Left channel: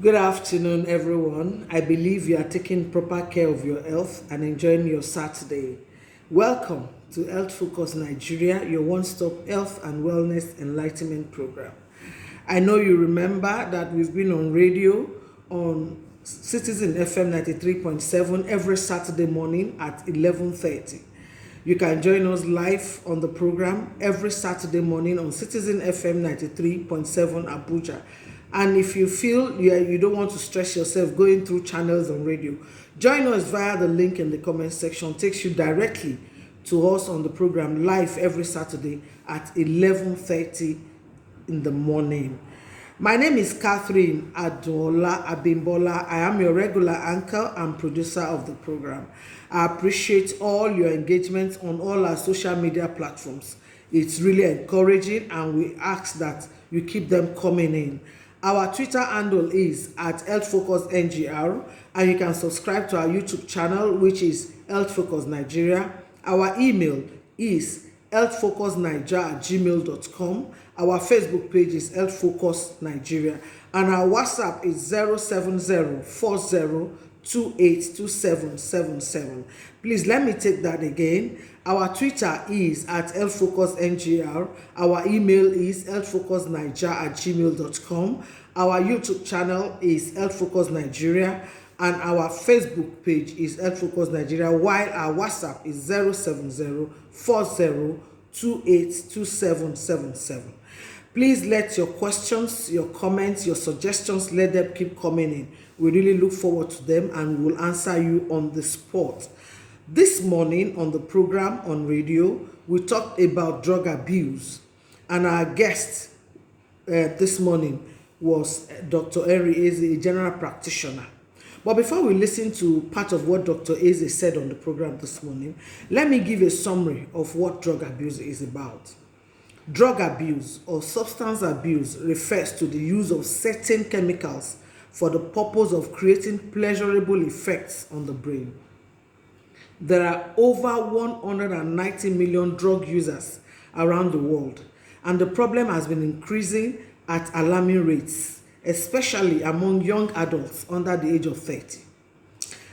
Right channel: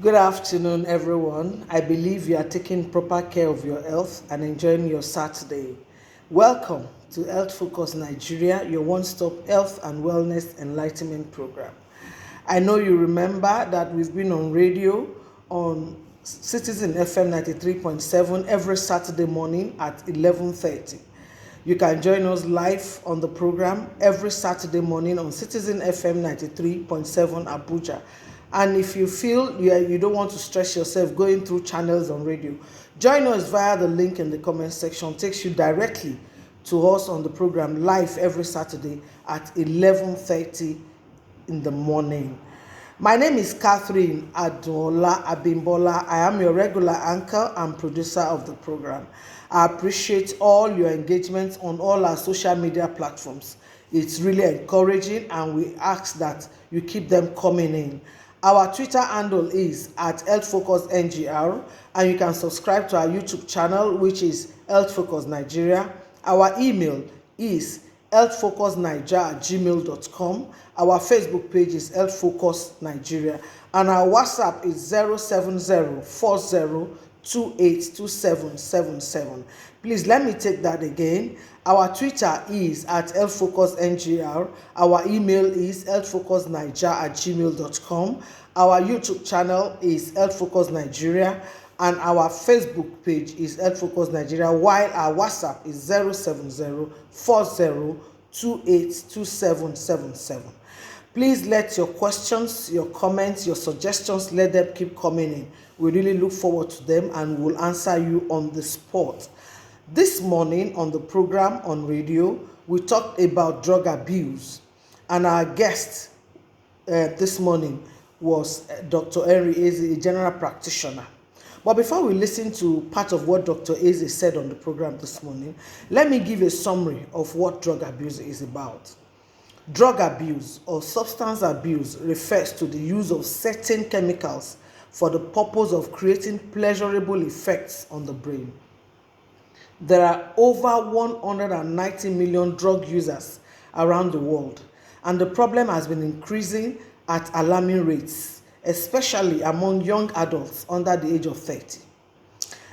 Good afternoon, everyone. I believe you are taking proper care of your health and enjoying your Saturday. Welcome to Health Focus Nigeria, your one-stop health and wellness enlightenment program. I know you remember that we've been on radio on Citizen FM 93.7 every Saturday morning at 11:30. You can join us live on the program every Saturday morning on Citizen FM 93.7 Abuja. And if you feel you don't want to stress yourself going through channels on radio, join us via the link in the comment section. It takes you directly to us on the program live every Saturday at 11:30 in the morning. My name is Catherine Adola Abimbola. I am your regular anchor and producer of the program. I appreciate all your engagement on all our social media platforms. It's really encouraging, and we ask that you keep them coming in. Our Twitter handle is at HealthFocusNGR, and you can subscribe to our YouTube channel, which is Health Focus Nigeria. Our email is healthfocusnigeria@gmail.com. Our Facebook page is Health Focus Nigeria, and our WhatsApp is 07040282777. Please let me take that again. Our Twitter is at HealthFocusNGR. Our email is healthfocusnigeria@gmail.com. Our YouTube channel is Health Focus Nigeria, and our Facebook page is Health Focus Nigeria, while our WhatsApp is 07040282777. Please let your questions, your comments, your suggestions, let them keep coming in. We really look forward to them, and we'll answer you on the spot. This morning on the program on radio, we talked about drug abuse, and our guest this morning was Dr. Henry Eze, a general practitioner. But before we listen to part of what Dr. Eze said on the program this morning, let me give a summary of what drug abuse is about. Drug abuse or substance abuse refers to the use of certain chemicals for the purpose of creating pleasurable effects on the brain. There are over 190 million drug users around the world, and the problem has been increasing at alarming rates, especially among young adults under the age of 30.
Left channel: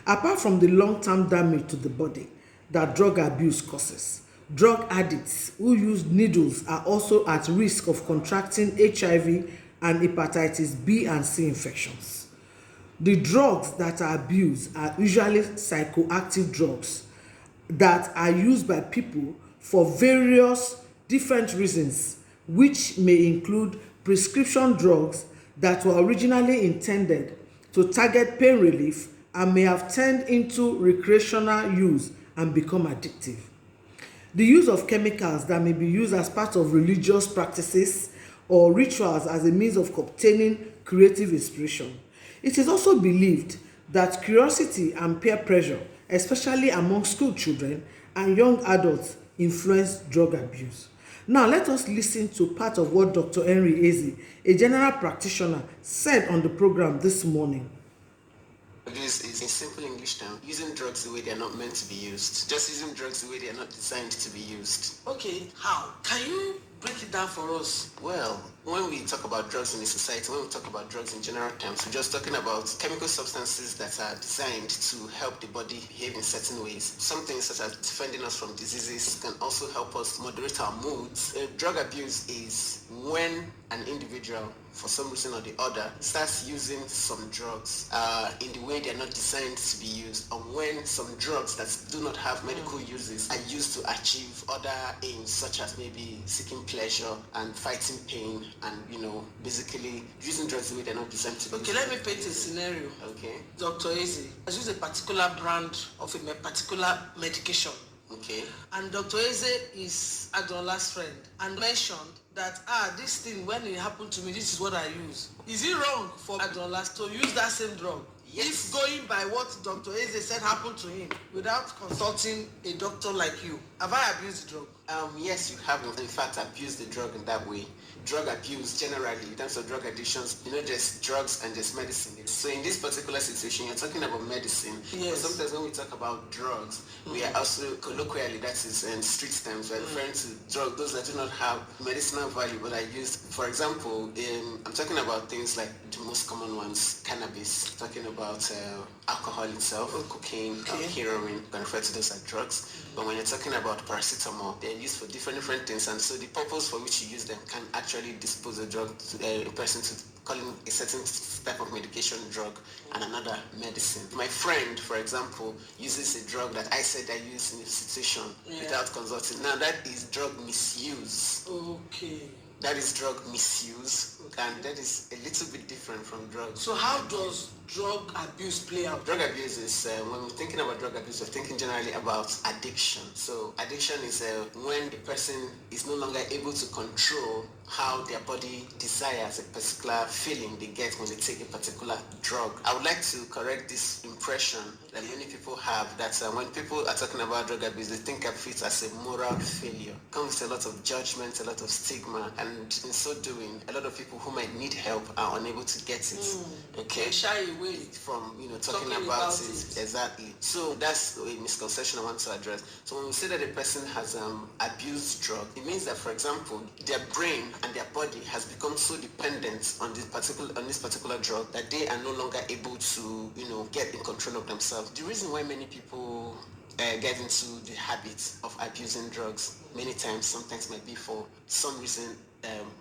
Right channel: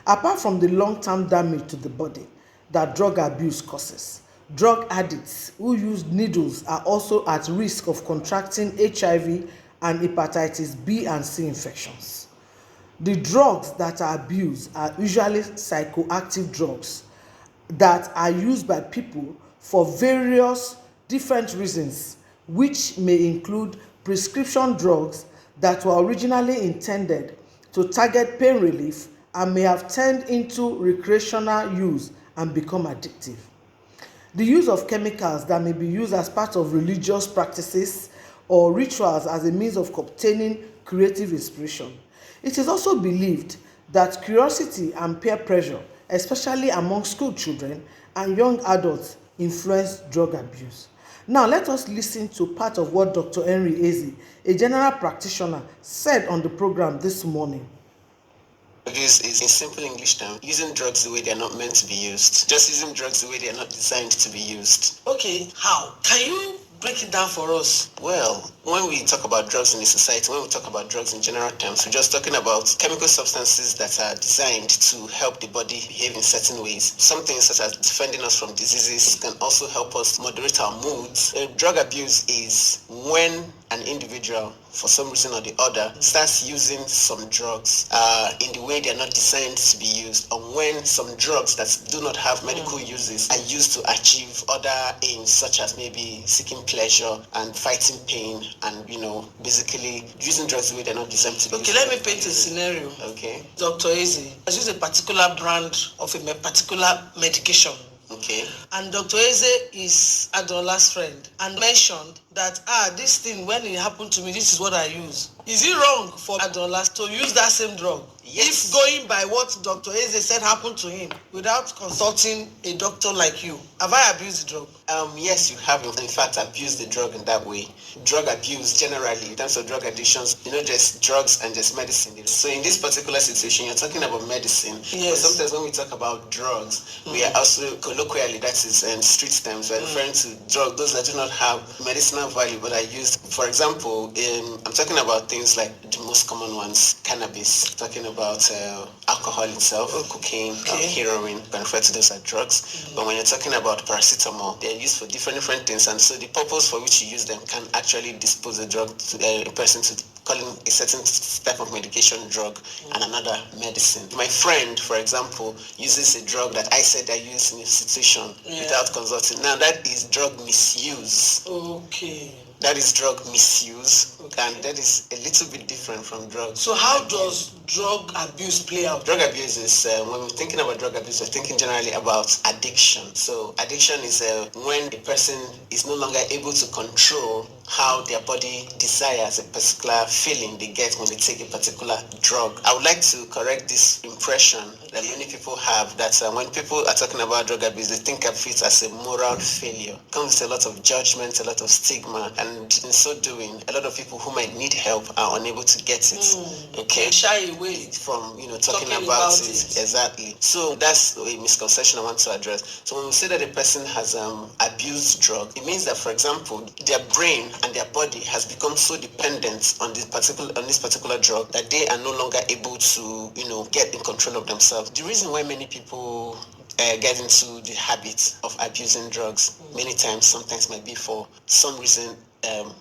Apart from the long-term damage to the body that drug abuse causes, drug addicts who use needles are also at risk of contracting HIV and hepatitis B and C infections. The drugs that are abused are usually psychoactive drugs that are used by people for various different reasons, which may include prescription drugs that were originally intended to target pain relief and may have turned into recreational use and become addictive. The use of chemicals that may be used as part of religious practices or rituals as a means of obtaining creative inspiration. It is also believed that curiosity and peer pressure, especially among school children and young adults, influence drug abuse. Now, let us listen to part of what Dr. Henry Eze, a general practitioner, said on the program this morning. Abuse is, in simple English term, using drugs the way they are not meant to be used. Just using drugs the way they are not designed to be used. Okay, how? Can you break it down for us? Well, when we talk about drugs in a society, when we talk about drugs in general terms, we're just talking about chemical substances that are designed to help the body behave in certain ways. Some things such as defending us from diseases can also help us moderate our moods. Drug abuse is when an individual, for some reason or the other, starts using some drugs in the way they are not designed to be used, or when some drugs that do not have medical uses are used to achieve other aims, such as maybe seeking pleasure and fighting pain, and basically using drugs the way they're not designed to be used. Okay, let me paint a scenario. Okay. Dr. Eze has used a particular brand of a particular medication. Okay. And Dr. Eze is Adola's friend and mentioned that this thing, when it happened to me, this is what I use. Is it wrong for Adola to use that same drug? Yes. If going by what Dr. Eze said happened to him without consulting a doctor like you, have I abused the drug? Yes, you have in fact abused the drug in that way. Drug abuse generally, in terms of drug addictions, just drugs and just medicine. So in this particular situation, you're talking about medicine. Yes. But sometimes when we talk about drugs, we are also colloquially, that is in street terms, we're referring to drugs, those that do not have medicinal value but are used. For example, I'm talking about things like the most common ones, cannabis, talking about alcohol itself, cocaine, heroin, you can refer to those as drugs. But when you're talking about paracetamol, they're used for different things, and so the purpose for which you use them can actually dispose a drug to a person to calling a certain type of medication drug and another medicine. My friend, for example, uses a drug that I said I use in institution without consulting. Now that is drug misuse. Okay. That is drug misuse, and that is a little bit different from drugs. So how does drug abuse play out? Drug abuse is, when we're thinking about drug abuse, we're thinking generally about addiction. So addiction is when a person is no longer able to control how their body desires a particular feeling they get when they take a particular drug. I would like to correct this impression that many people have that when people are talking about drug abuse, they think of it as a moral failure. It comes with a lot of judgment, a lot of stigma, and in so doing, a lot of people who might need help are unable to get it. Okay, They shy away from talking about it. Exactly. So that's a misconception I want to address. So when we say that a person has abused drug, it means that, for example, their brain and their body has become so dependent on this particular drug that they are no longer able to get in control of themselves. The reason why many people get into the habit of abusing drugs many times, sometimes might be for some reason,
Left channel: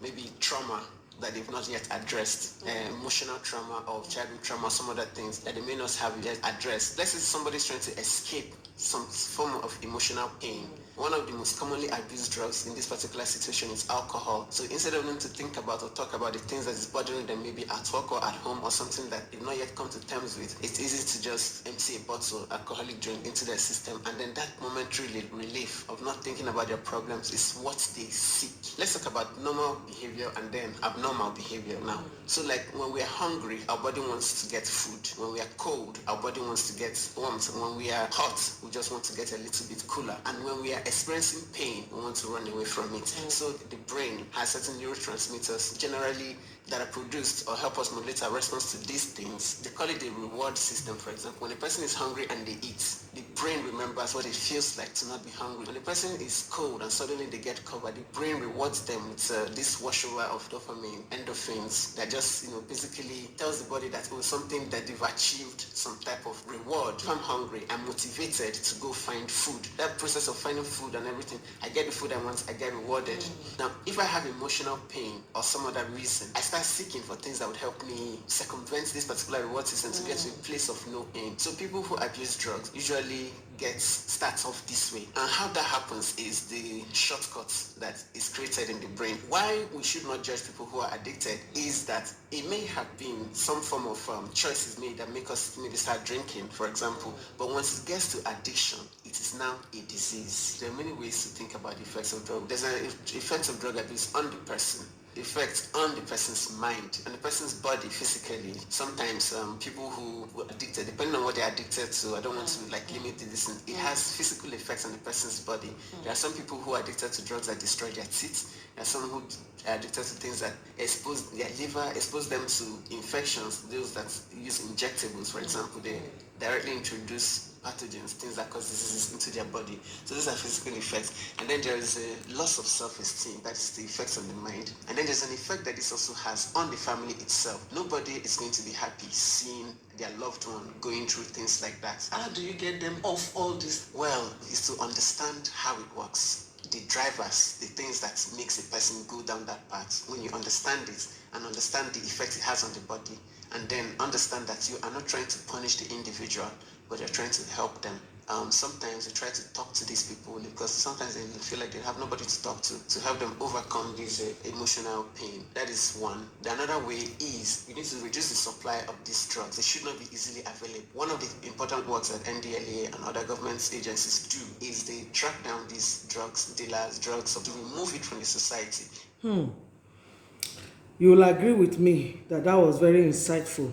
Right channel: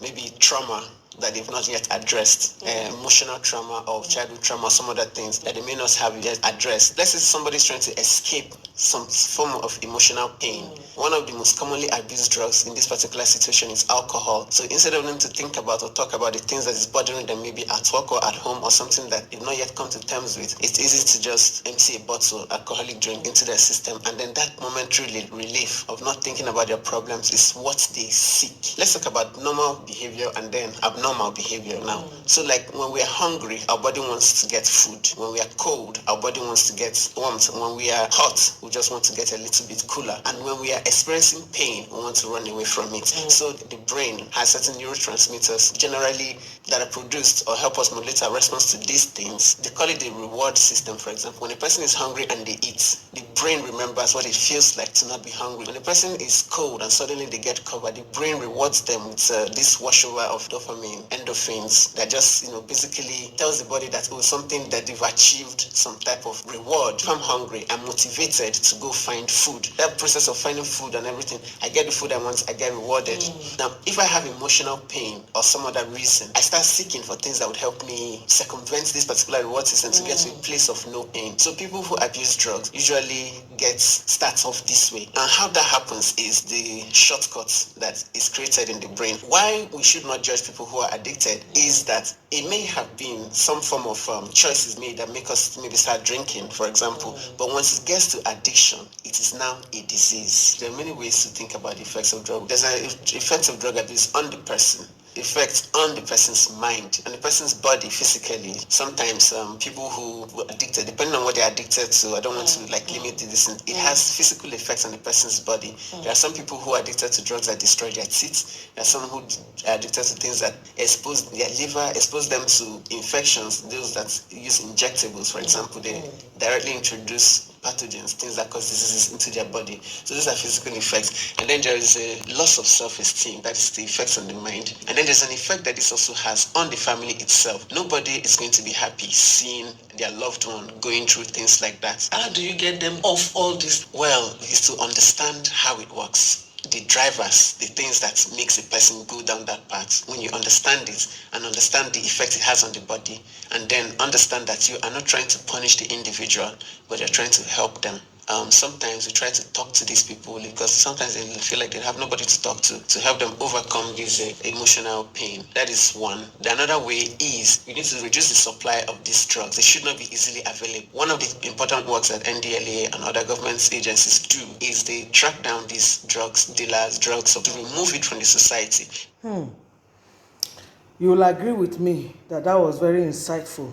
maybe trauma that they've not yet addressed, emotional trauma or childhood trauma, some other things that they may not have yet addressed. Let's say somebody's trying to escape some form of emotional pain. One of the most commonly abused drugs in this particular situation is alcohol. So instead of them to think about or talk about the things that is bothering them, maybe at work or at home or something that they've not yet come to terms with, it's easy to just empty a bottle, alcoholic drink into their system, and then that momentary relief of not thinking about their problems is what they seek. Let's talk about normal behavior and then abnormal behavior now. So like when we are hungry, our body wants to get food. When we are cold, our body wants to get warmth. When we are hot, we just want to get a little bit cooler. And when we are experiencing pain, we want to run away from it. So the brain has certain neurotransmitters generally that are produced or help us modulate our response to these things. They call it the reward system, for example. When a person is hungry and they eat, the brain remembers what it feels like to not be hungry. When a person is cold and suddenly they get covered, the brain rewards them with this washover of dopamine, endorphins, that just basically tells the body that something that they've achieved some type of reward. If I'm hungry, I'm motivated to go find food. That process of finding food and everything, I get the food I want, I get rewarded. Now, if I have emotional pain or some other reason, I start seeking for things that would help me circumvent this particular reward system to get to a place of no pain. So people who abuse drugs usually starts off this way. And how that happens is the shortcut that is created in the brain. Why we should not judge people who are addicted is that it may have been some form of choices made that make us maybe start drinking, for example. But once it gets to addiction, it is now a disease. There are many ways to think about the effects of drug. There's an effect of drug abuse on the person, effects on the person's mind and the person's body physically. Sometimes people who are addicted, depending on what they're addicted to, I don't want to limit this, it has physical effects on the person's body. There are some people who are addicted to drugs that destroy their teeth. There are some who are addicted to things that expose their liver, expose them to infections. Those that use injectables, for example, they directly introduce pathogens, things that cause diseases into their body. So those are physical effects. And then there is a loss of self-esteem. That is the effects on the mind. And then there's an effect that this also has on the family itself. Nobody is going to be happy seeing their loved one going through things like that. How do you get them off all this? Well, it's to understand how it works. The drivers, the things that makes a person go down that path. When you understand it and understand the effect it has on the body, and then understand that you are not trying to punish the individual, but you're trying to help them. Sometimes we try to talk to these people because sometimes they feel like they have nobody to talk to help them overcome this emotional pain. That is one. The another way is we need to reduce the supply of these drugs. They should not be easily available. One of the important works that NDLA and other government agencies do is they track down these drugs dealers, drugs, to remove it from the society. You will agree with me that that was very insightful.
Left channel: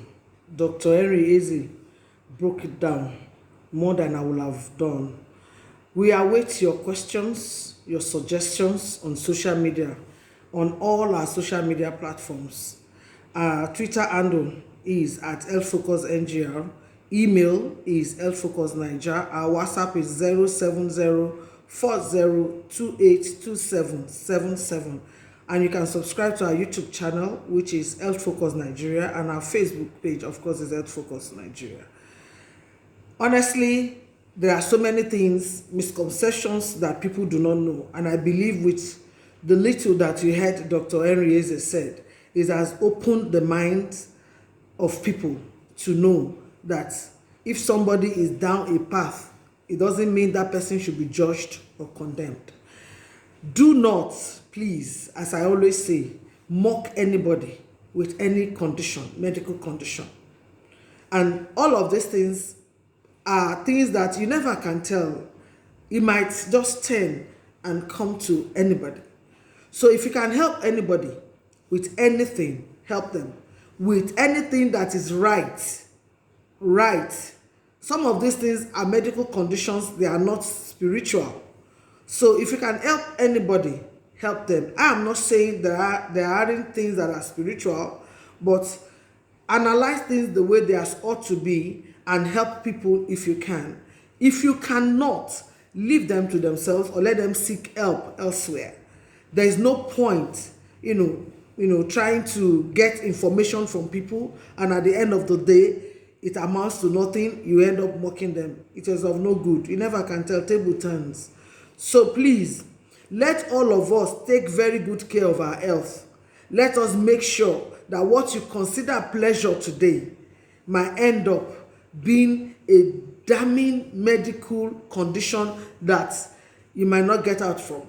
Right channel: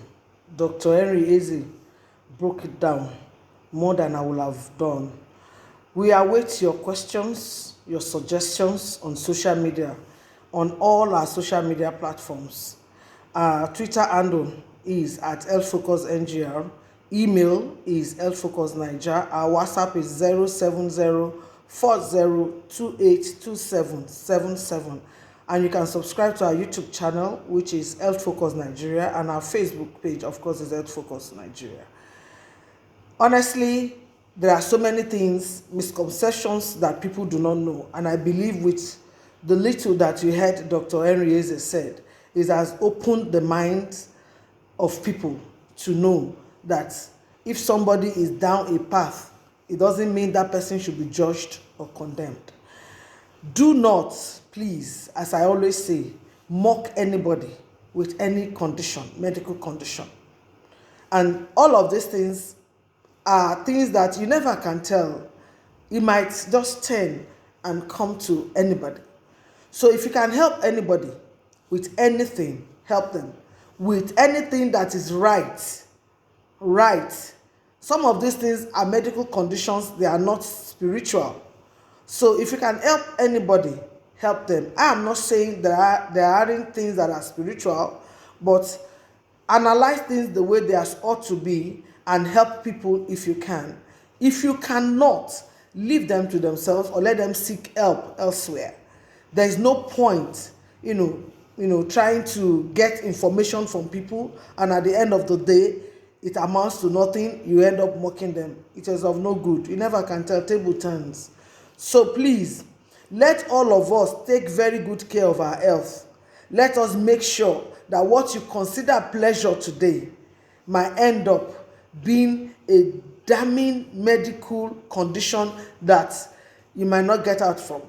Dr. Henry Eze broke it down more than I would have done. We await your questions, your suggestions on social media, on all our social media platforms. Our Twitter handle is at healthfocusngr. Email is healthfocusniger. Our WhatsApp is 07040282777. And you can subscribe to our YouTube channel, which is Health Focus Nigeria, and our Facebook page, of course, is Health Focus Nigeria. Honestly, there are so many things, misconceptions that people do not know, and I believe with the little that you heard Dr. Henry Eze said, it has opened the minds of people to know that if somebody is down a path, it doesn't mean that person should be judged or condemned. Do not, please, as I always say, mock anybody with any condition, medical condition. And all of these things are things that you never can tell. It might just turn and come to anybody. So if you can help anybody with anything, help them. With anything that is right. Some of these things are medical conditions, they are not spiritual. So if you can help anybody, help them. I am not saying there aren't things that are spiritual, but analyze things the way they ought to be and help people if you can. If you cannot, leave them to themselves or let them seek help elsewhere. There is no point, trying to get information from people, and at the end of the day, it amounts to nothing. You end up mocking them. It is of no good. You never can tell, table turns. So please, let all of us take very good care of our health. Let us make sure that what you consider pleasure today might end up being a damning medical condition that you might not get out from.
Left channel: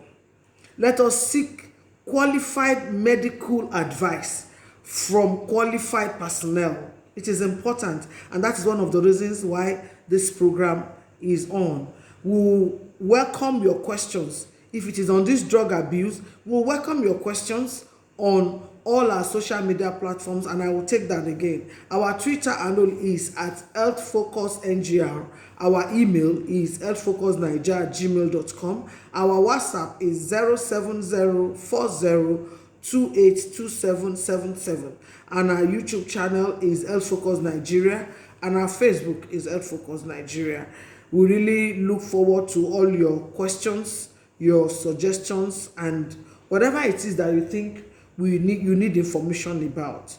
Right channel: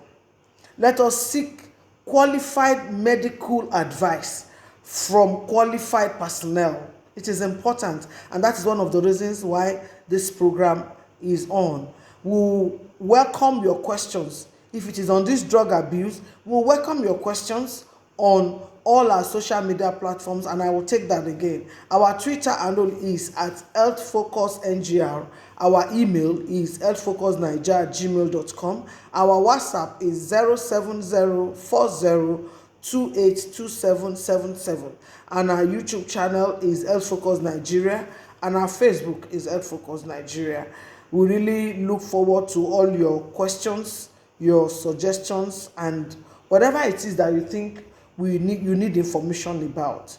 Let us seek qualified medical advice from qualified personnel. It is important, and that is one of the reasons why this program is on. We'll welcome your questions. If it is on this drug abuse, we'll welcome your questions on all our social media platforms, and I will take that again. Our Twitter handle is at healthfocusngr. Our email is healthfocusniger@gmail.com. Our WhatsApp is 07040282777. And our YouTube channel is Health Focus Nigeria, and our Facebook is Health Focus Nigeria. We really look forward to all your questions, your suggestions, and whatever it is that you think you need information about.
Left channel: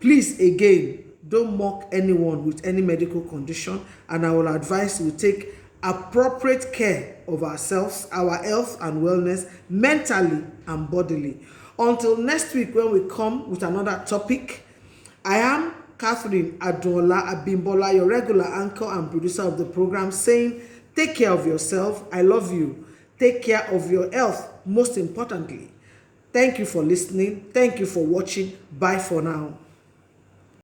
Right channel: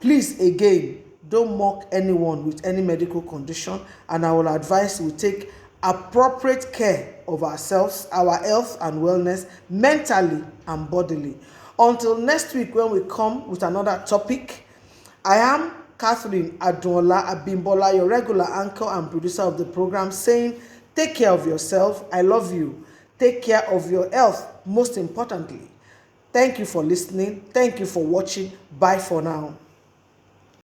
Please, again, don't mock anyone with any medical condition, and I will advise we take appropriate care of ourselves, our health and wellness, mentally and bodily. Until next week, when we come with another topic, I am Catherine Adola Abimbola, your regular anchor and producer of the program, saying, take care of yourself. I love you. Take care of your health, most importantly. Thank you for listening. Thank you for watching. Bye for now.